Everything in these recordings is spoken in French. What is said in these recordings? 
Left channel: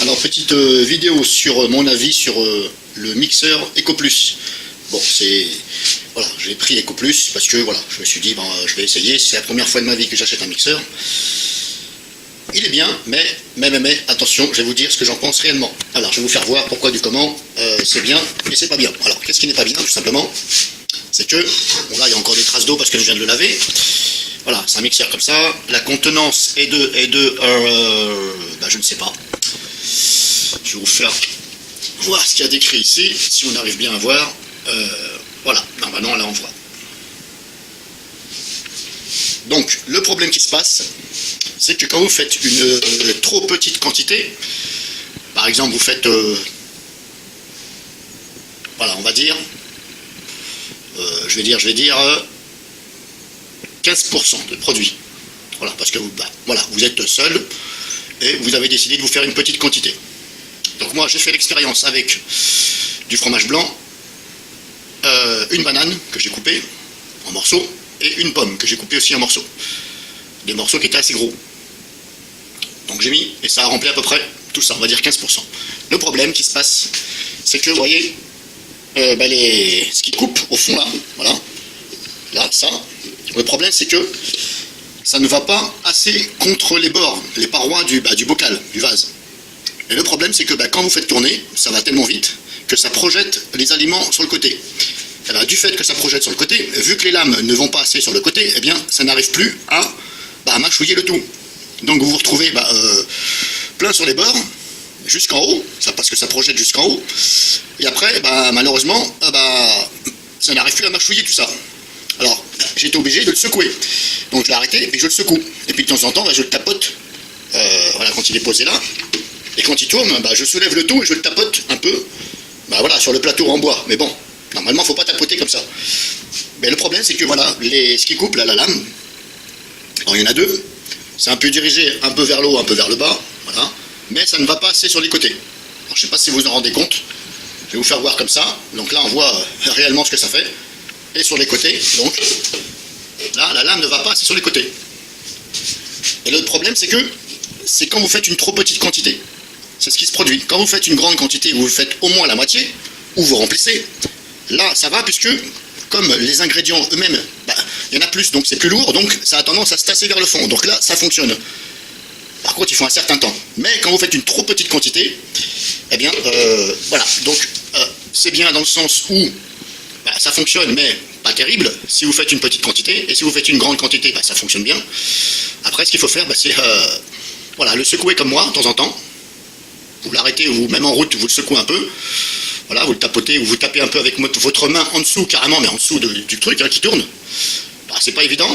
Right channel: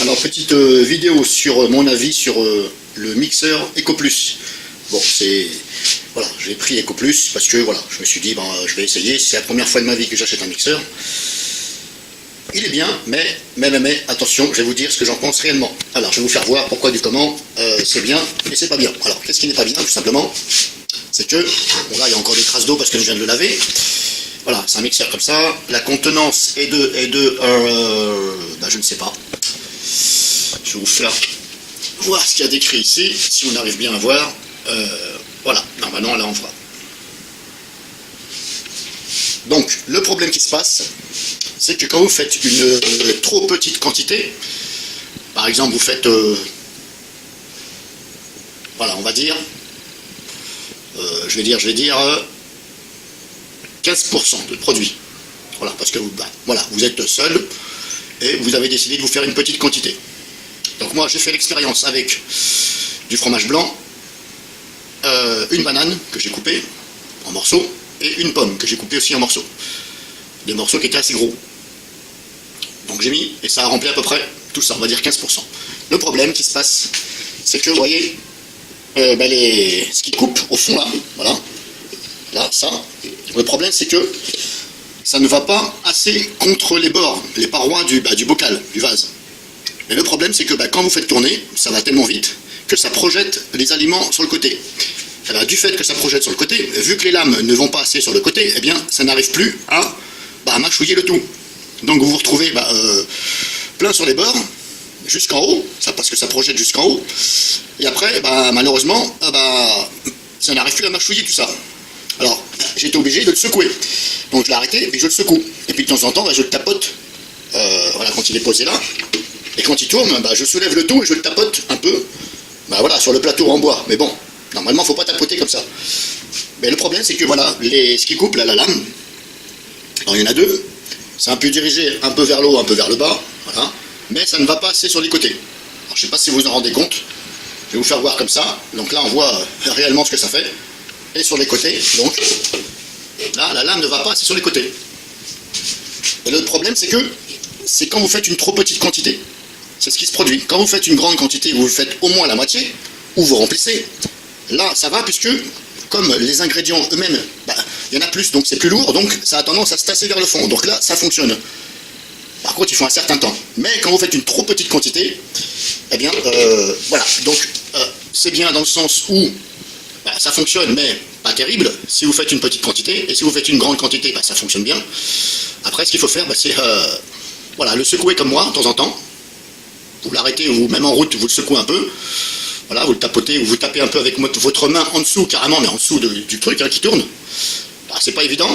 Alors, petite vidéo sur mon avis sur le mixeur EcoPlus. Bon, voilà, j'ai pris EcoPlus parce que voilà, je me suis dit, je vais essayer, c'est la première fois de ma vie que j'achète un mixeur. Il est bien, mais attention, je vais vous dire ce que j'en pense réellement. Alors, je vais vous faire voir pourquoi du comment c'est bien, mais c'est pas bien. Alors, qu'est-ce qui n'est pas bien, tout simplement? C'est que, bon là, il y a encore des traces d'eau parce que je viens de le laver. Voilà, c'est un mixeur comme ça. La contenance est de je ne sais pas. Je vais vous faire voir ce qu'il y a décrit ici, si on arrive bien à voir. Voilà, normalement là on voit. Donc, le problème qui se passe, c'est que quand vous faites une trop petite quantité, par exemple vous faites, voilà, on va dire, je vais dire 15% de produit. Voilà, parce que voilà, vous êtes seul et vous avez décidé de vous faire une petite quantité. Donc moi j'ai fait l'expérience avec du fromage blanc, une banane que j'ai coupée en morceaux et une pomme que j'ai coupée aussi en morceaux. Des morceaux qui étaient assez gros. Donc j'ai mis, et ça a rempli à peu près tout ça, on va dire 15%. Le problème qui se passe, c'est que vous voyez, ce qui coupe au fond là, voilà, là, ça, le problème c'est que ça ne va pas assez contre les bords, les parois du bocal, du vase. Et le problème c'est que quand vous faites tourner, ça va tellement vite que ça projette les aliments sur le côté. Alors, du fait que ça projette sur le côté, vu que les lames ne vont pas assez sur le côté, eh bien ça n'arrive plus à mâchouiller le tout. Donc vous vous retrouvez plein sur les bords, jusqu'en haut, parce que ça projette jusqu'en haut, et après, malheureusement, ça n'arrive plus à mâchouiller tout ça. Alors, j'étais obligé de le secouer. Donc je l'ai arrêté et je le secoue. Et puis de temps en temps, je le tapote, voilà, quand il est posé là, et quand il tourne, je soulève le tout et je le tapote un peu, voilà, sur le plateau en bois. Mais bon, normalement, il ne faut pas tapoter comme ça. Mais le problème, c'est que voilà, ce qui coupe là, la lame, alors il y en a deux. C'est un peu dirigé un peu vers le haut, un peu vers le bas, voilà, mais ça ne va pas assez sur les côtés. Alors, je ne sais pas si vous en rendez compte, je vais vous faire voir comme ça. Donc là, on voit réellement ce que ça fait. Et sur les côtés, donc, là, la lame ne va pas assez sur les côtés. Et le problème, c'est quand vous faites une trop petite quantité. C'est ce qui se produit. Quand vous faites une grande quantité, vous faites au moins la moitié, ou vous remplissez. Là, ça va, puisque, comme les ingrédients eux-mêmes, il y en a plus, donc c'est plus lourd, donc ça a tendance à se tasser vers le fond. Donc là, ça fonctionne. Par contre, il faut un certain temps. Mais quand vous faites une trop petite quantité, eh bien, voilà. Donc, c'est bien dans le sens où ça fonctionne, mais pas terrible, si vous faites une petite quantité. Et si vous faites une grande quantité, ça fonctionne bien. Après, ce qu'il faut faire, c'est voilà, le secouer comme moi, de temps en temps. Vous l'arrêtez, ou même en route, vous le secouez un peu. Voilà, vous le tapotez, ou vous tapez un peu avec votre main en dessous, carrément, mais en dessous du truc qui tourne. C'est pas évident.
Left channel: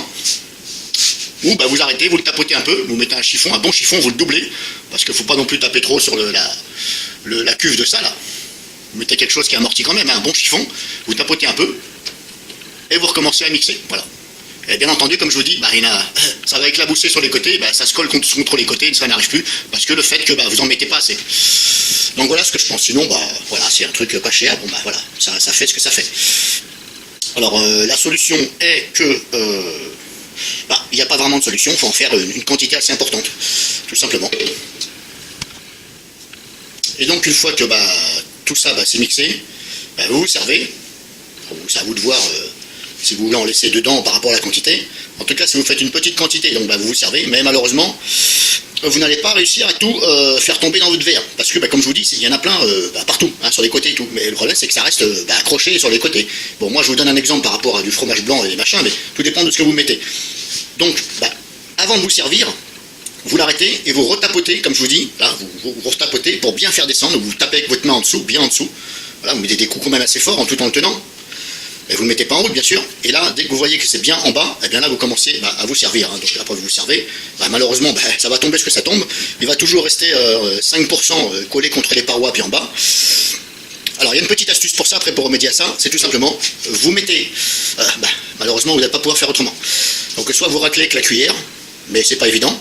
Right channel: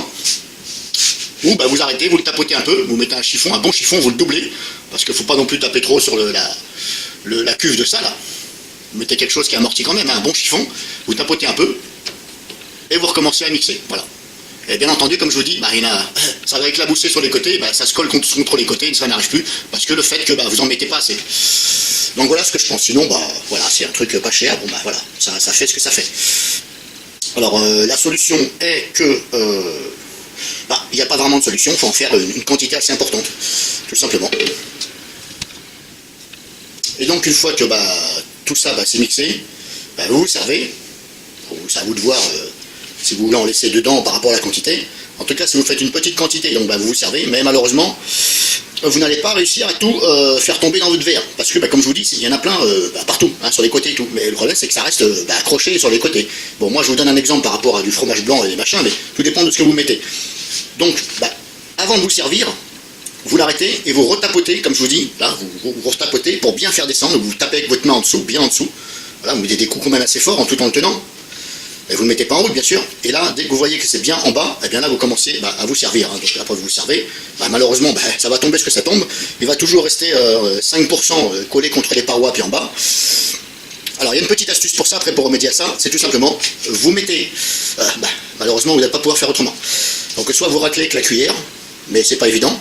Bon, vous arrêtez, vous le tapotez un peu, vous mettez un chiffon, un bon chiffon, vous le doublez, parce qu'il ne faut pas non plus taper trop sur la cuve de ça, là. Vous mettez quelque chose qui amortit quand même, un bon chiffon, vous tapotez un peu, et vous recommencez à mixer, voilà. Et bien entendu, comme je vous dis, ça va éclabousser sur les côtés, ça se colle contre les côtés, et ça n'arrive plus, parce que le fait que vous en mettez pas assez. Donc voilà ce que je pense, sinon, voilà, c'est un truc pas cher, voilà, ça fait ce que ça fait. Alors, la solution est que, il n'y a pas vraiment de solution, il faut faire une quantité assez importante, tout simplement. Et donc, une fois que tout ça c'est mixé, vous vous servez, c'est à vous de voir si vous voulez en laisser dedans par rapport à la quantité. En tout cas, si vous faites une petite quantité, donc vous vous servez, mais malheureusement, vous n'allez pas réussir à tout faire tomber dans votre verre. Parce que, comme je vous dis, il y en a plein partout, sur les côtés et tout. Mais le problème, c'est que ça reste accroché sur les côtés. Bon, moi, je vous donne un exemple par rapport à du fromage blanc et des machins, mais tout dépend de ce que vous mettez. Donc, avant de vous servir, vous l'arrêtez et vous retapotez, comme je vous dis, là, vous retapotez pour bien faire descendre. Vous tapez avec votre main en dessous, bien en dessous. Voilà, vous mettez des coups quand même assez forts tout en le tenant. Et vous ne le mettez pas en haut, bien sûr. Et là, dès que vous voyez que c'est bien en bas, et bien là, vous commencez à vous servir. Donc après, vous vous servez. Malheureusement, ça va tomber ce que ça tombe. Il va toujours rester 5% collé contre les parois, puis en bas. Alors, il y a une petite astuce pour ça, après, pour remédier à ça. C'est tout simplement, vous mettez... malheureusement, vous n'allez pas pouvoir faire autrement. Donc, soit vous raclez avec la cuillère, mais c'est pas évident.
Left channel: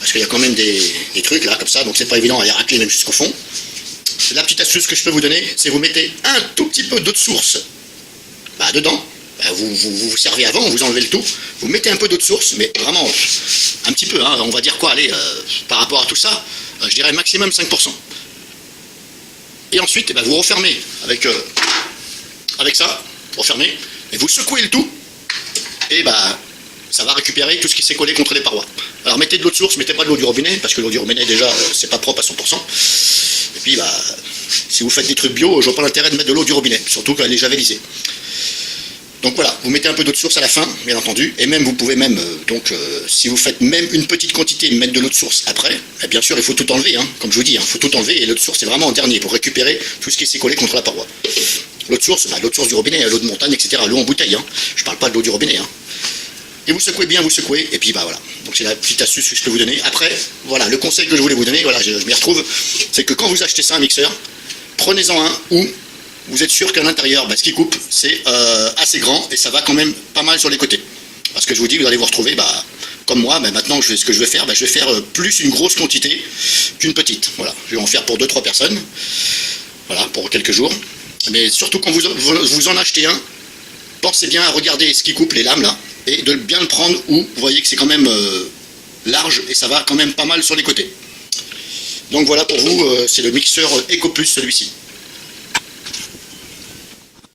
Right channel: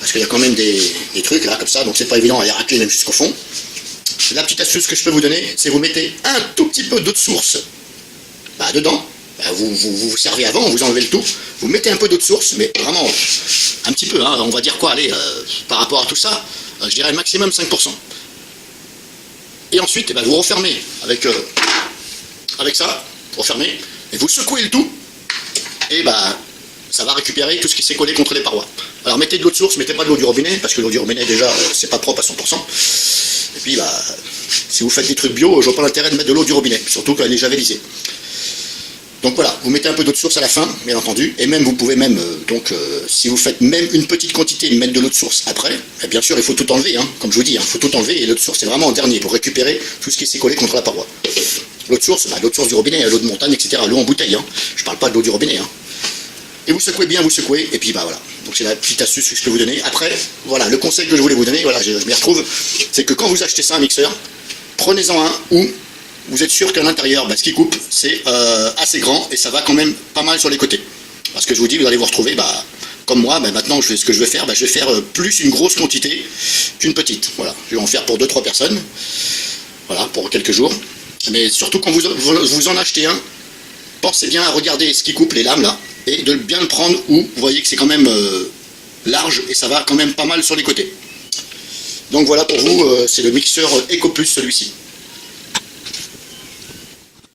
Parce qu'il y a quand même des trucs, comme ça, donc c'est pas évident à les racler même jusqu'au fond. La petite astuce que je peux vous donner, c'est vous mettez un tout petit peu d'eau de source dedans, vous servez avant, vous enlevez le tout, vous mettez un peu d'eau de source, mais vraiment un petit peu, on va dire quoi, allez, par rapport à tout ça, je dirais maximum 5%. Et ensuite, eh ben, vous refermez avec ça, refermez, et vous secouez le tout, et bah, ça va récupérer tout ce qui s'est collé contre les parois. Alors mettez de l'eau de source, mettez pas de l'eau du robinet, parce que l'eau du robinet déjà, c'est pas propre à 100%. Et puis bah, si vous faites des trucs bio, je vois pas l'intérêt de mettre de l'eau du robinet, surtout qu'elle est javelisée. Donc voilà, vous mettez un peu d'eau de source à la fin, bien entendu, et même vous pouvez même, si vous faites même une petite quantité, mettre de l'eau de source après, bien sûr il faut tout enlever, hein, comme je vous dis, il faut tout enlever, et l'eau de source c'est vraiment en dernier pour récupérer tout ce qui s'est collé contre la paroi. L'eau de source, l'eau de source du robinet, l'eau de montagne, etc., l'eau en bouteille, hein. Je parle pas de l'eau du robinet. Hein. Et vous secouez bien, vous secouez, et puis bah voilà. Donc c'est la petite astuce que je peux vous donner. Après, voilà, le conseil que je voulais vous donner, voilà, je m'y retrouve, c'est que quand vous achetez ça, un mixeur, prenez-en un où vous êtes sûr qu'à l'intérieur, bah, ce qui coupe, c'est assez grand, et ça va quand même pas mal sur les côtés. Parce que je vous dis, vous allez vous retrouver, bah, comme moi, mais maintenant ce que je vais faire, bah, je vais faire plus une grosse quantité qu'une petite. Voilà, je vais en faire pour 2-3 personnes, voilà, pour quelques jours. Mais surtout quand vous en achetez un, pensez bien à regarder ce qui coupe les lames là, et de bien le prendre où vous voyez que c'est quand même large, et ça va quand même pas mal sur les côtés. Donc voilà pour vous, c'est le mixeur EcoPlus celui-ci.